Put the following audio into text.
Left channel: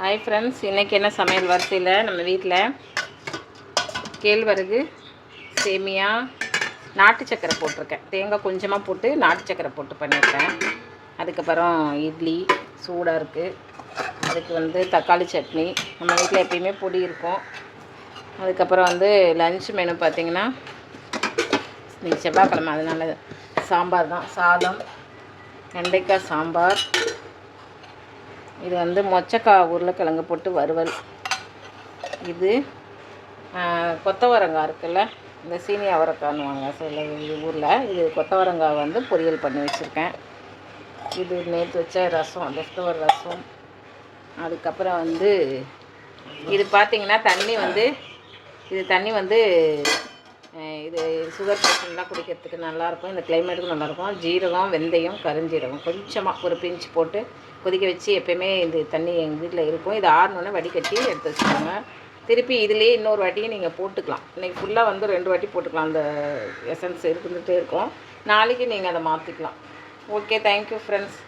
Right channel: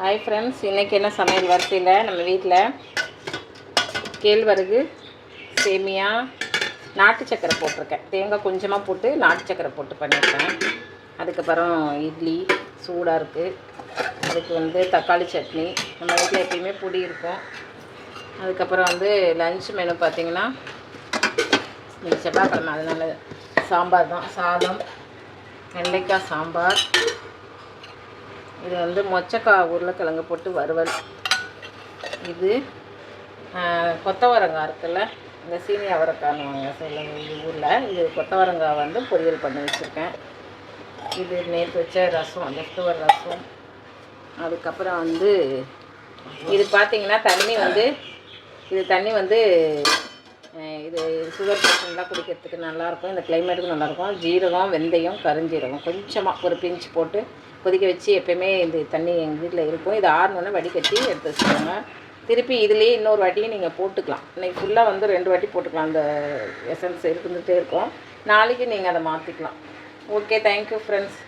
Hi friends, இன்றைக்கி என்ன சமையல் வரிசையில் நம்ம வீட்டில் கேழ்வரகு சேமியா நாட்டு சக்கரை போட்டிருக்கேன். தேங்காய் கொஞ்சமாக போட்டு நாட்டு சக்கரை போட்டு பண்ணியிருக்கேன். அதுக்கப்புறம் இட்லி சூடாக இருக்குது. அதுக்கு தக்காளி சட்னி, நம்ம வீட்டில் எப்பயுமே பொடி இருக்கும். அதுக்கப்புறம் லன்ச் மெனு பார்த்திங்கன்னா இன்றைக்கி செவ்வாய்க்கிழமை, அதனால் சாம்பார் தான். சாதம், வெண்டைக்காய் சாம்பார், இது மொச்சக்காய் உருளைக்கிழங்கு போட்டு வறுவல், இது கொத்தவரங்காய் இருக்குல்ல, இந்த சீனி அவரைக்காய்னுவாங்க சில ஊரில், இது கொத்தவரங்காய் பொரியல் பண்ணி வச்சுருக்கேன். இது நேற்று வச்ச ரசம், லெஃப்ட் ஓவர் ரசம். அதுக்கப்புறம் இது பார்த்திங்கன்னா தண்ணி இது தண்ணி இது சுகர் பேஷண்ட்லாம் குடிக்கிறதுக்கு நல்லாயிருக்கும். இந்த கிளைமேட்டுக்கும் நல்லாயிருக்கும். ஜீரகம், வெந்தயம், கருஞ்சீரகம் கொஞ்சமாக ஒரு பிஞ்ச் போட்டு கொதிக்க வச்சு எப்போயுமே இந்த தண்ணி எங்கள் வீட்டில் இருக்கும். இது ஆறணுன்னு வடிகட்டி எடுத்து வச்சுக்கோங்க. திருப்பி இதுலேயே இன்னொரு வாட்டியும் நீங்கள் போட்டுக்கலாம். இன்றைக்கி ஃபுல்லாக 2 வாட்டி போட்டுக்கலாம். அந்த எசன்ஸ் இருந்துகிட்டே இருக்கும். நாளைக்கு நீங்கள் அதை மாற்றிக்கலாம். Okay, thank you friends.